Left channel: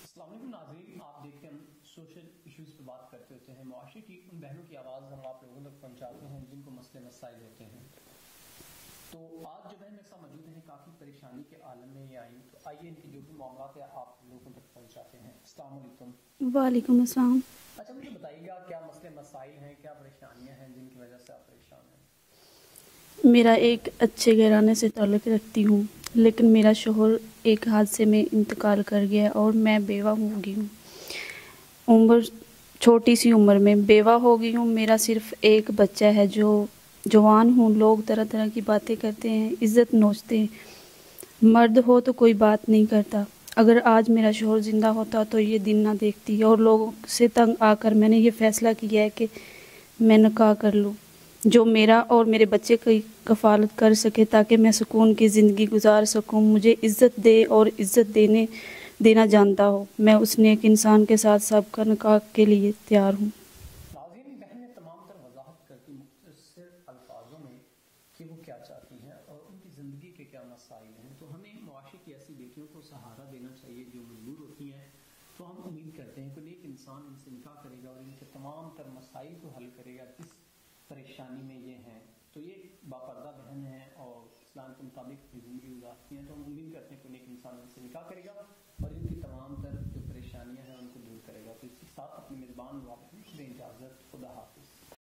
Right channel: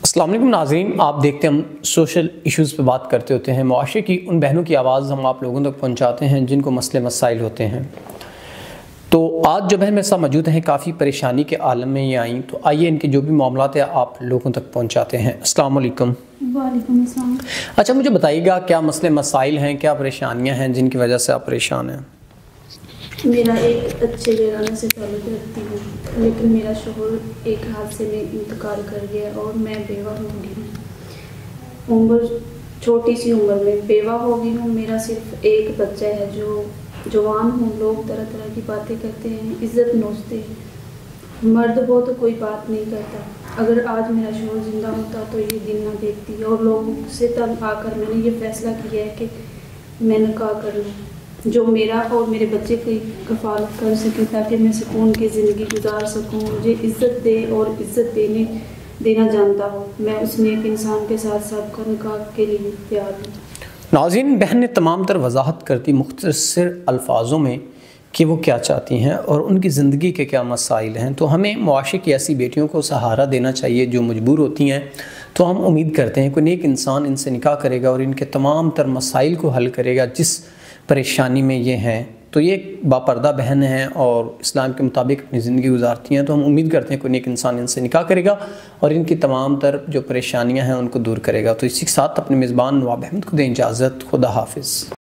अस्सलाम वालेकुम नाज़रीन, आप देखते हैं हम सोशल इश्यूज़ पे बात करते होते हैं। मुआशरे की उन बहनों की आवाज़ हम आप लोगों तक पहुंचाते हैं जिनको मसले मसाइल होते हैं। तो आज जो बहन मेरे साथ मौजूद हैं, काफ़ी परेशानी के आलम में ये आई, तो आइए इनके जो भी मामलात है आप लोगों तक पहुंचाते हैं। अस्सलाम वालेकुम। वालेकुम अस्सलाम। अच्छा, मुझे बताइएगा क्या मसले मसाइल हैं, क्या परेशानियाँ हैं जिनकी वजह से आप परेशान हैं? मेरा एक अच्छे घराने से ताल्लुक़ रखती हूँ, लेकिन मेरा शोहर एक हादसे में इंतकाल कर गया और मैं बेवा हो गई हूँ। छोटी सी उम्र में बेवा हो गई हूँ। मेरा सिर्फ एक बच्चा है जो जवान हूँ। लोग तरह तरह की बातें करते हैं, इज़्ज़त नोचते हैं। मर्द हो तो कोई बात नहीं करता। अगर आज मेरा शोहर ज़िंदा होता तो ये दिन ना देखती, और लोगों से तंग आकर मैंने ये फ़ैसला किया है कि मैं निकाह कर लूँ जो मेरा और मेरे बच्चे की कफ़ालत कर सके, ताकि मैं सुकून की ज़िंदगी गुजार सकूं। मुझे इज़्ज़त दे और इज़्ज़त देना जानता हो। मैं उस नेक इंसान के साथ सबका निकाह के लिए तैयार हूँ। नाज़रीन, बहन ने तमाम तर वजाहत करती मुख्तसर अल्फाजों में कि वो क्या चाहती हैं और उनकी ज़िंदगी के क्या मसाइल हैं। तो हमें मुआशरे की ऐसी बेटियों को सहारा देना चाहिए जो मजबूर होती हैं। तो हम उम्मीद करते हैं कोई नेक इंसान इनसे निकाह करेगा और इनके तमाम तर मसाइल को हल करेगा जिस परेशानी में ये हैं। तो ये एक बापर्दा बहन हैं और इस्लाम के मुताबिक अपनी ज़िंदगी गुजारती हैं। तो हम उम्मीद करते हैं कोई नेक इंसान इनसे निकाह करेगा और इनकी तमाम तर जो परेशानियां हैं उनको दूर करेगा। तो इसी के साथ अपने मेज़बान नवाब अहमद को दें इजाज़त। खुदा हाफिज़।